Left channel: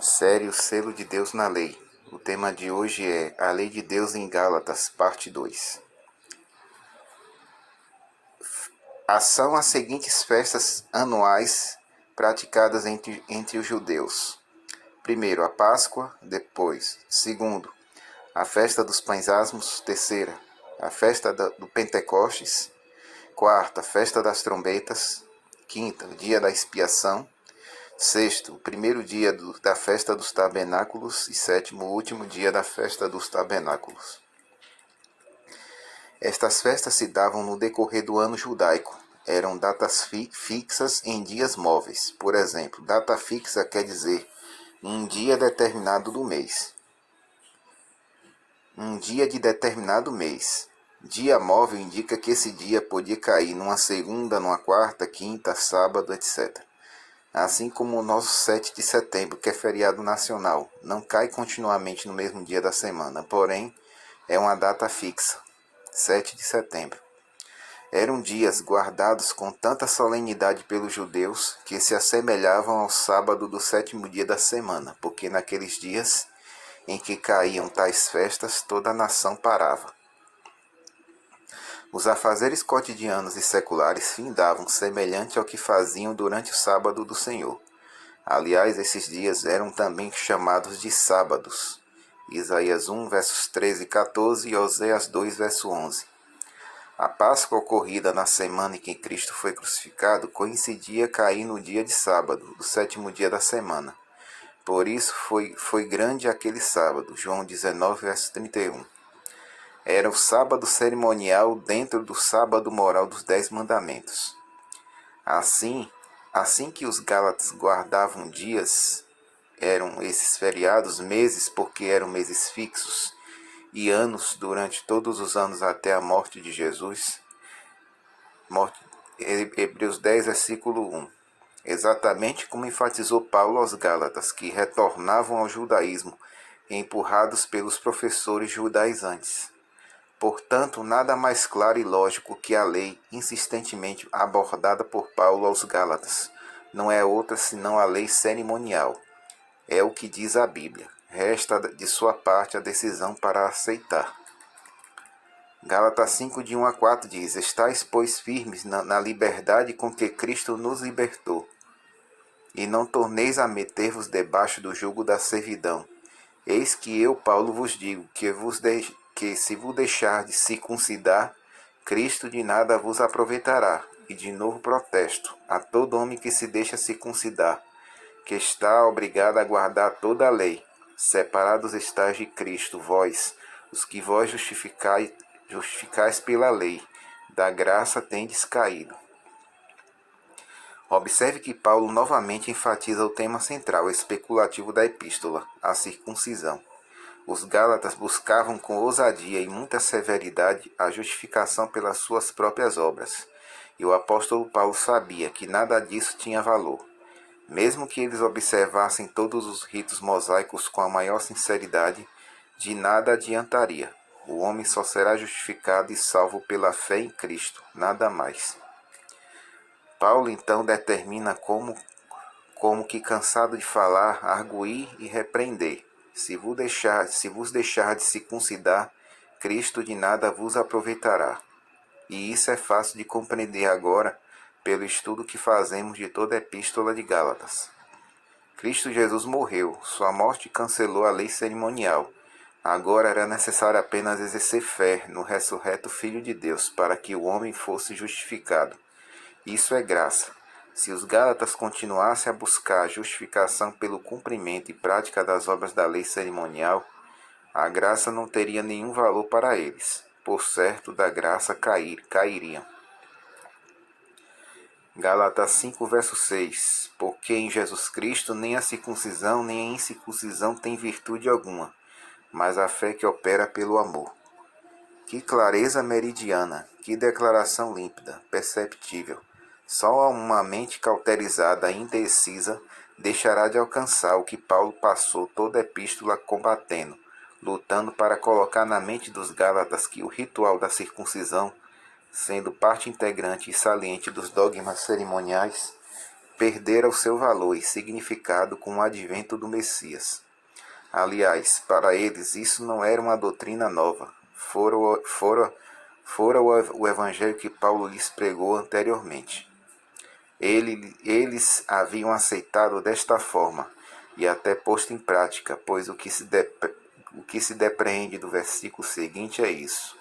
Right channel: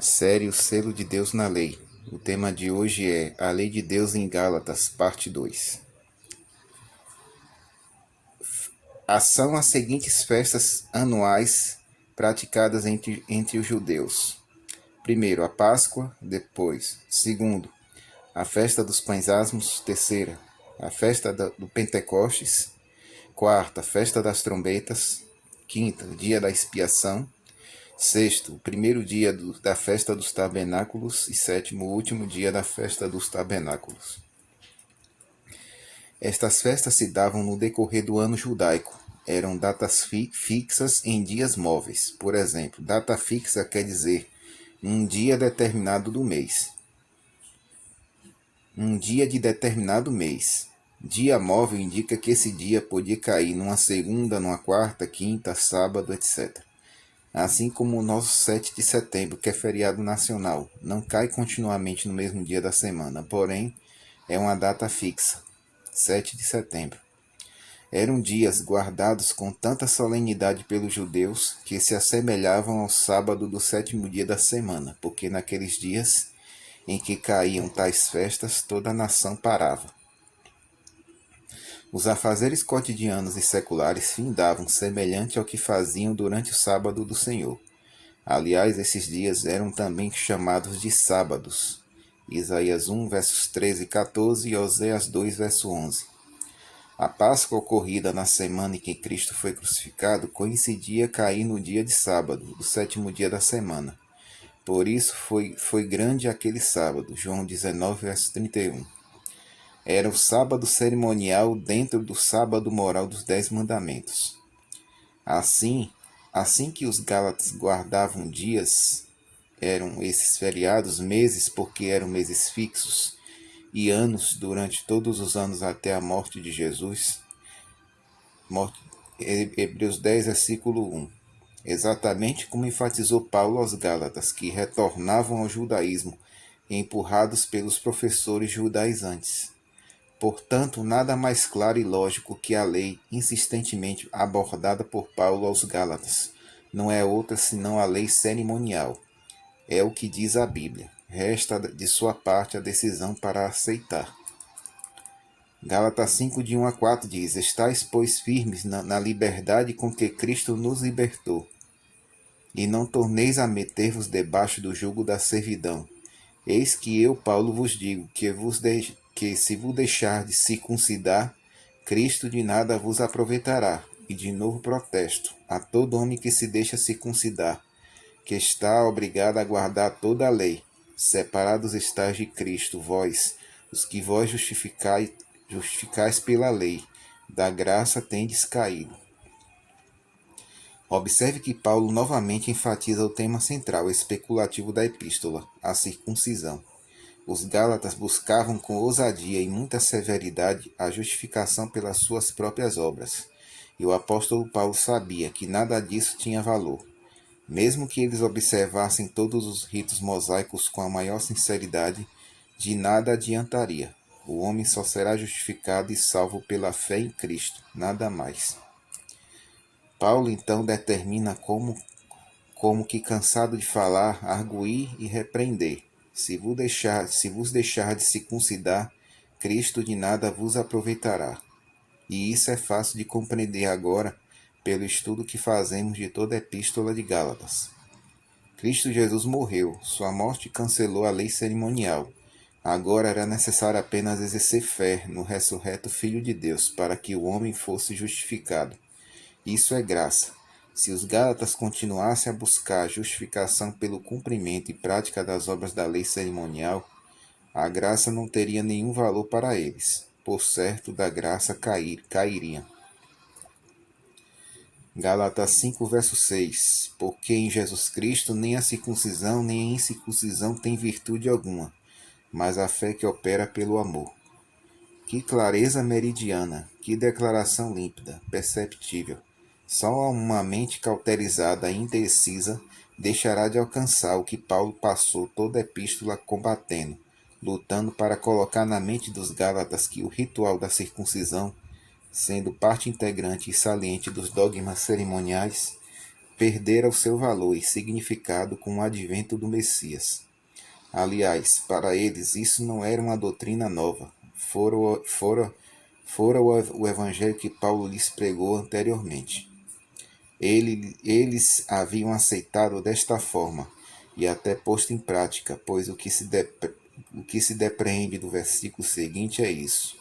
Série O Selo de Deus na Lei. O tema de hoje é A Lei de Deus em Gálatas, parte 2. São as seguintes festas anuais praticadas entre os judeus. Primeiro, a Páscoa. Depois, segundo, a festa dos pães asmos. Terceira, a festa do Pentecostes. Quarta, a festa das trombetas. Quinta, o dia da expiação. Sexto, o primeiro dia da festa dos tabernáculos. E sétimo, o último dia da festa dos tabernáculos. Estas festas se davam no decorrer do ano judaico. Eram datas fixas em dias móveis. Por exemplo, data fixa quer dizer um dia determinado do mês. Um dia de determinado mês. Dia móvel indica que esse dia podia cair numa segunda, numa quarta, quinta, sábado, etc. Assim como o nosso 7 de setembro, que é feriado nacional, não cai continuamente no mesmo dia da semana, porém é uma data fixa, 7 de setembro. Eram dias guardados com tanta solenidade pelos judeus que se assemelhavam ao sábado do sétimo dia da semana, porque naqueles dias em que caíam tais festas, toda a nação parava. Os afazeres cotidianos e seculares findavam semelhante ao que faziam durante o sábado do Senhor. Aliás, esses dias eram também chamados de sábados. Isaías 1, versos 13 e 14 e Oséias 2, verso 11. A Páscoa ocorrida na semana em que Cristo foi crucificado coincidia cair no dia de sábado, do sétimo dia da semana. Por isso foi grande aquele sábado. João 19, verso 31. Era o sábado cerimonial dentro do sábado moral dos 10 mandamentos. Assim que os gálatas guardavam dias, eram esses feriados, meses, porque eram meses fixos, e anos durante todos os anos até a morte de Jesus. Hebreus 10, versículo 1. Exatamente como enfatizou Paulo aos Gálatas, que retornavam ao judaísmo, empurrados pelos professores judaizantes. Portanto, nada mais claro e lógico que a lei insistentemente abordada por Paulo aos Gálatas. Não é outra senão a lei cerimonial. É o que diz a Bíblia. Resta de sua parte a decisão para aceitar. Gálatas 5, de 1 a 4 diz: Estais, pois, firmes na liberdade com que Cristo nos libertou, e não torneis a meter-vos debaixo do jugo da servidão. Eis que eu, Paulo, vos digo que se vos deixardes circuncidar, Cristo de nada vos aproveitará. E de novo protesto a todo homem que se deixa circuncidar, que está obrigado a guardar toda a lei. Separados estáis de Cristo, vós, os que vós justificais pela lei, da graça tendes caído. Observe que Paulo novamente enfatiza o tema central especulativo da epístola, a circuncisão. Os gálatas buscavam com ousadia e muita severidade a justificação pelas suas próprias obras, e o apóstolo Paulo sabia que nada disso tinha valor. Mesmo que eles observassem todos os ritos mosaicos com a maior sinceridade, de nada adiantaria. O homem só será justificado e salvo pela fé em Cristo, nada mais. Paulo então determina como que cansado de falar, arguir e repreender. Se vos deixar de circuncidar, Cristo de nada vos aproveitará. E isso é fácil de compreender agora pelo estudo que fazemos de toda a epístola de Gálatas. Cristo Jesus morreu, sua morte cancelou a lei cerimonial. Agora era necessário apenas exercer fé no ressurreto Filho de Deus para que o homem fosse justificado. Isso é graça. Se os Gálatas continuassem a buscar a justificação pelo cumprimento e prática das obras da lei cerimonial, a graça não teria nenhum valor para eles. Por certo, da graça cairiam. Gálatas 5, verso 6. Porque em Jesus Cristo nem a circuncisão nem a incircuncisão tem virtude alguma, mas a fé que opera pelo amor. Que clareza meridiana, que declaração límpida, perceptível. Só uma mente cauterizada e indecisa deixará de alcançar o que Paulo passou toda a epístola combatendo, lutando para colocar na mente dos Gálatas que o ritual da circuncisão, sendo parte integrante e saliente dos dogmas cerimoniais, perdera o seu valor e significado com o advento do Messias. Aliás, para eles isso não era uma doutrina nova, fora o evangelho que Paulo lhes pregou anteriormente. Eles haviam aceitado desta forma e até posto em prática, pois o que se depreende do versículo seguinte é isso.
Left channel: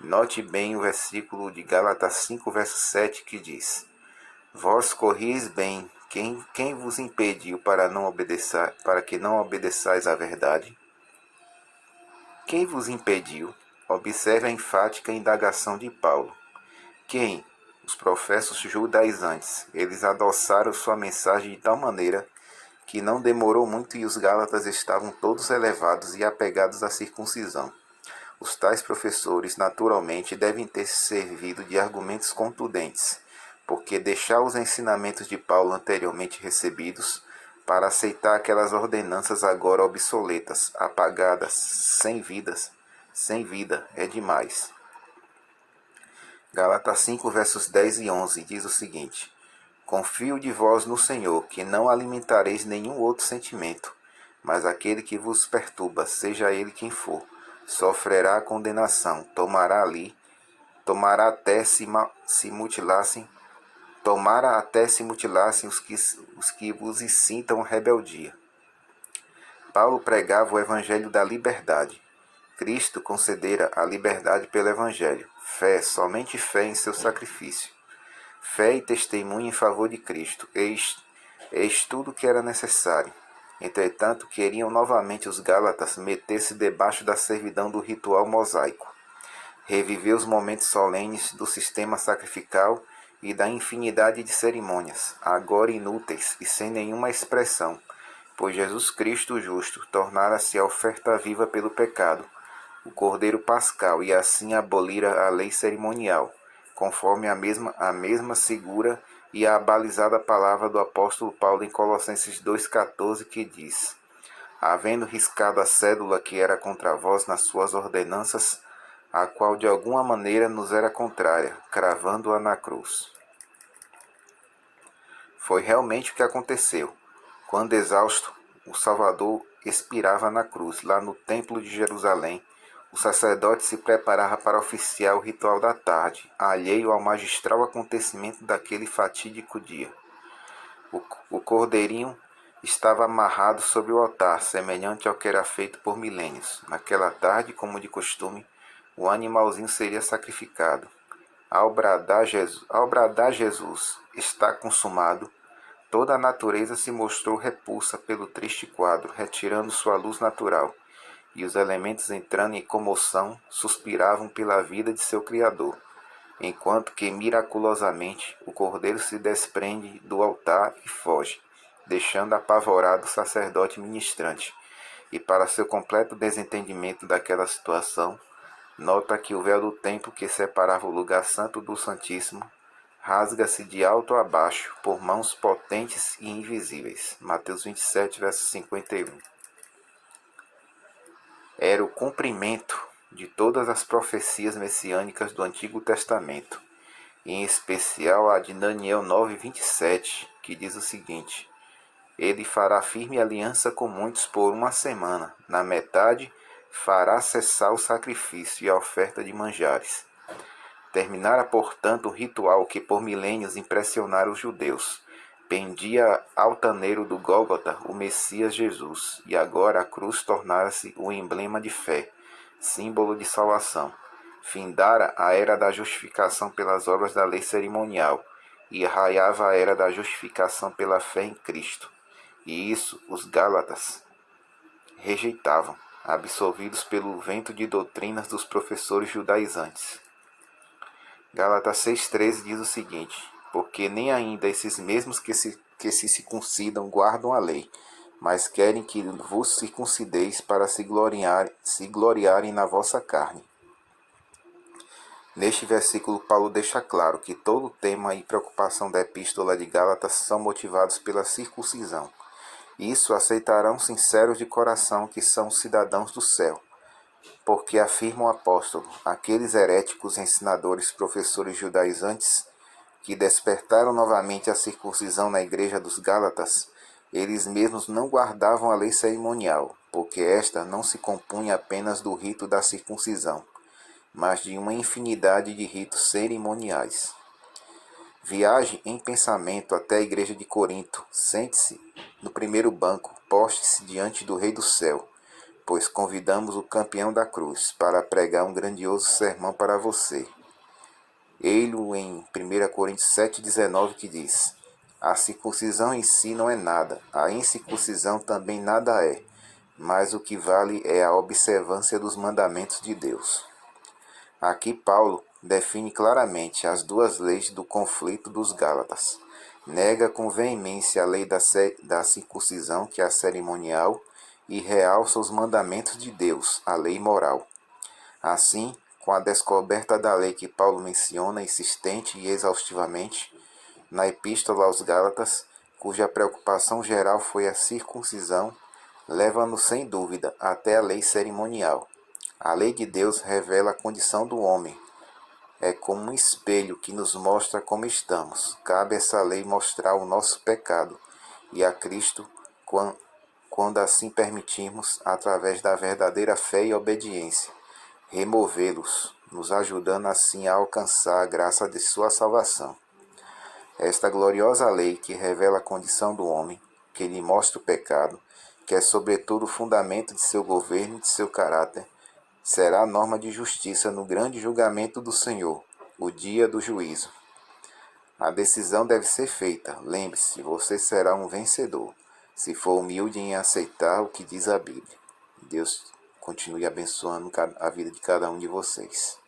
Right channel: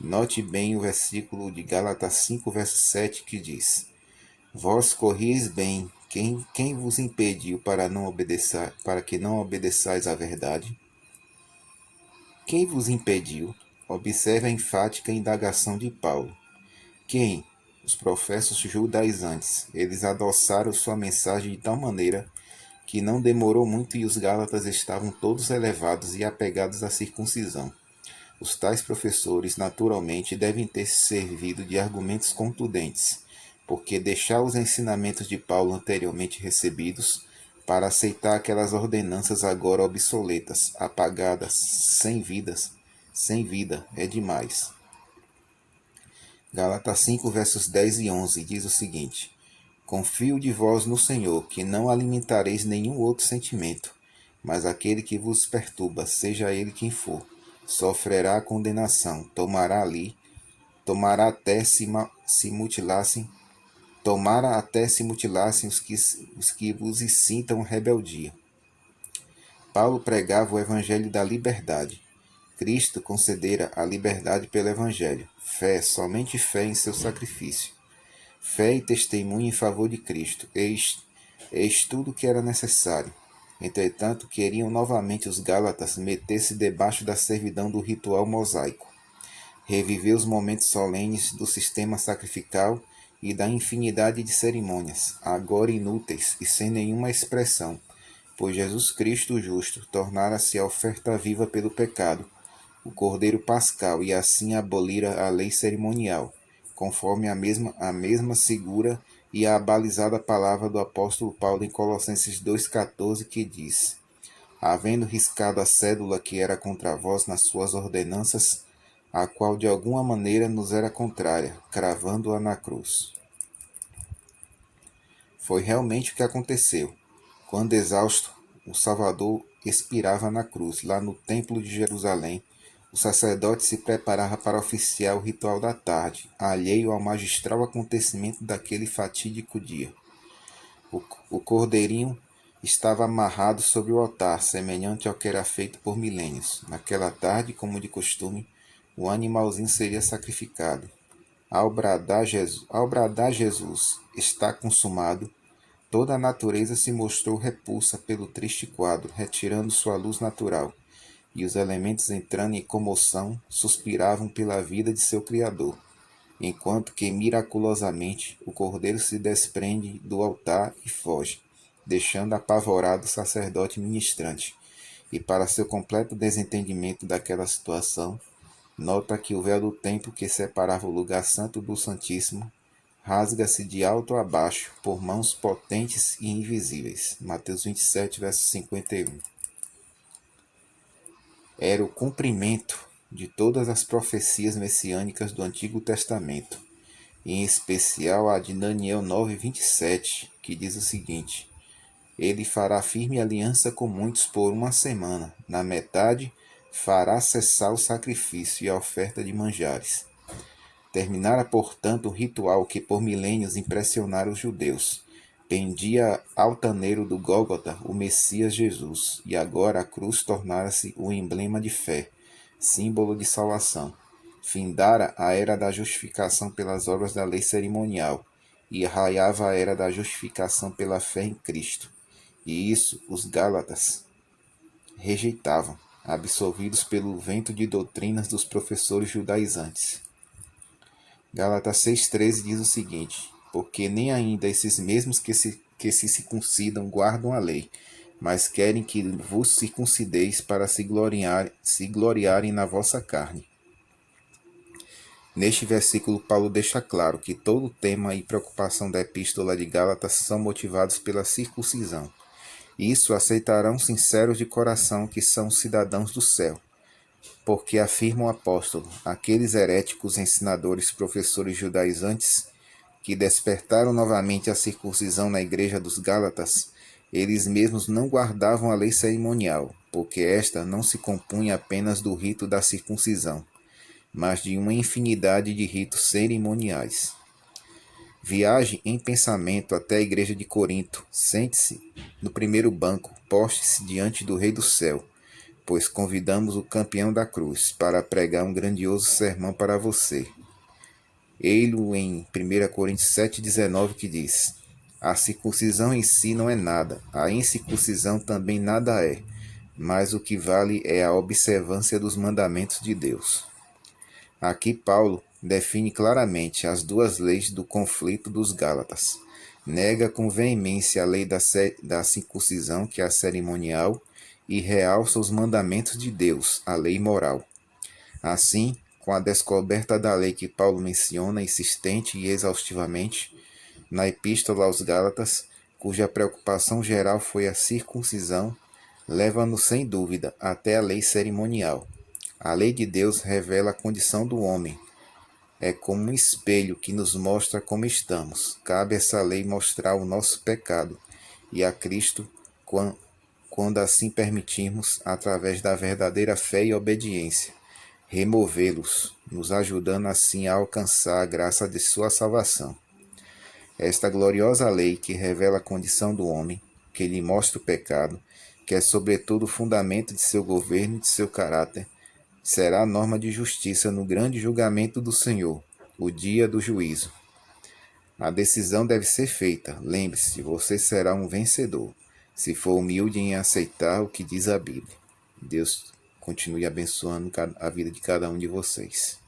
Note bem o versículo de Gálatas 5, verso 7, que diz: Vós corrieis bem, quem vos impediu para que não obedeçais à verdade? Quem vos impediu? Observe a enfática indagação de Paulo. Quem? Os professos judaizantes. Eles adoçaram sua mensagem de tal maneira que não demorou muito e os gálatas estavam todos elevados e apegados à circuncisão. Os tais professores, naturalmente, devem ter servido de argumentos contundentes, porque deixar os ensinamentos de Paulo anteriormente recebidos para aceitar aquelas ordenanças agora obsoletas, apagadas, sem vida, é demais. Gálatas 5, versos 10 e 11 diz o seguinte: Confio de vós no Senhor, que não alimentareis nenhum outro sentimento, mas aquele que vos perturba, seja ele quem for, sofrerá condenação, tomará até se mutilassem, tomara até se mutilassem os que vos incitam rebeldia. Paulo pregava o evangelho da liberdade. Cristo concedera a liberdade pelo evangelho. Fé, somente fé em seu sacrifício. Fé e testemunho em favor de Cristo. Eis tudo o que era necessário. Entretanto, queriam novamente os gálatas meter-se debaixo da servidão do ritual mosaico, reviver os momentos solenes do sistema sacrificial e da infinidade de cerimônias, agora inúteis e sem nenhuma expressão, pois Jesus Cristo o justo tornara-se a oferta viva pelo pecado, o Cordeiro Pascal, e assim abolira a lei cerimonial, conforme a mesma segura e abalizada palavra do apóstolo Paulo em Colossenses 2,14, que diz: Havendo riscado a cédula que era contra vós nas suas ordenanças, a qual de alguma maneira nos era contrária, cravando-a na cruz. Foi realmente o que aconteceu. Quando exausto, o Salvador expirava na cruz, lá no Templo de Jerusalém. O sacerdote se preparava para oficiar o ritual da tarde, alheio ao magistral acontecimento daquele fatídico dia. O cordeirinho estava amarrado sobre o altar, semelhante ao que era feito por milênios. Naquela tarde, como de costume, o animalzinho seria sacrificado. Ao bradar Jesus, está consumado, toda a natureza se mostrou repulsa pelo triste quadro, retirando sua luz natural, e os elementos entrando em comoção, suspiravam pela vida de seu Criador, enquanto que miraculosamente o cordeiro se desprende do altar e foge, deixando apavorado o sacerdote ministrante. E para seu completo desentendimento daquela situação, nota que o véu do templo que separava o lugar santo do Santíssimo rasga-se de alto a baixo por mãos potentes e invisíveis. Mateus 27, verso 51. Era o cumprimento de todas as profecias messiânicas do Antigo Testamento, em especial a de Daniel 9:27, que diz o seguinte: Ele fará firme aliança com muitos por uma semana, na metade fará cessar o sacrifício e a oferta de manjares. Terminara, portanto, o ritual que por milênios impressionara os judeus. Pendia altaneiro do Gólgota o Messias Jesus, e agora a cruz tornara-se o emblema de fé, símbolo de salvação. Findara a era da justificação pelas obras da lei cerimonial, e raiava a era da justificação pela fé em Cristo. E isso os Gálatas rejeitavam, absorvidos pelo vento de doutrinas dos professores judaizantes. Gálatas 6,13 diz o seguinte: Porque nem ainda esses mesmos que se circuncidam guardam a lei, mas querem que vos circuncideis para se gloriarem na vossa carne. Neste versículo, Paulo deixa claro que todo o tema e preocupação da epístola de Gálatas são motivados pela circuncisão. Isso aceitarão sinceros de coração que são cidadãos do céu. Porque afirma o apóstolo, aqueles heréticos ensinadores, professores judaizantes, que despertaram novamente a circuncisão na igreja dos Gálatas, eles mesmos não guardavam a lei cerimonial, porque esta não se compunha apenas do rito da circuncisão, mas de uma infinidade de ritos cerimoniais. Viaje em pensamento até a igreja de Corinto, sente-se no primeiro banco, poste-se diante do Rei do Céu, pois convidamos o campeão da cruz para pregar um grandioso sermão para você. Ei-lo em 1 Coríntios 7,19 que diz: a circuncisão em si não é nada, a incircuncisão também nada é, mas o que vale é a observância dos mandamentos de Deus. Aqui Paulo define claramente as duas leis do conflito dos Gálatas. Nega com veemência a lei da circuncisão, que é a cerimonial, e realça os mandamentos de Deus, a lei moral. Assim, com a descoberta da lei que Paulo menciona insistente e exaustivamente na Epístola aos Gálatas, cuja preocupação geral foi a circuncisão, leva-nos sem dúvida até a lei cerimonial. A lei de Deus revela a condição do homem. É como um espelho que nos mostra como estamos. Cabe a essa lei mostrar o nosso pecado e a Cristo, quando assim permitirmos, através da verdadeira fé e obediência, removê-los, nos ajudando assim a alcançar a graça de sua salvação. Esta gloriosa lei que revela a condição do homem, que lhe mostra o pecado, que é sobretudo o fundamento de seu governo e de seu caráter, será a norma de justiça no grande julgamento do Senhor, o dia do juízo. A decisão deve ser feita. Lembre-se, você será um vencedor, se for humilde em aceitar o que diz a Bíblia. Deus continue abençoando a vida de cada um de vocês.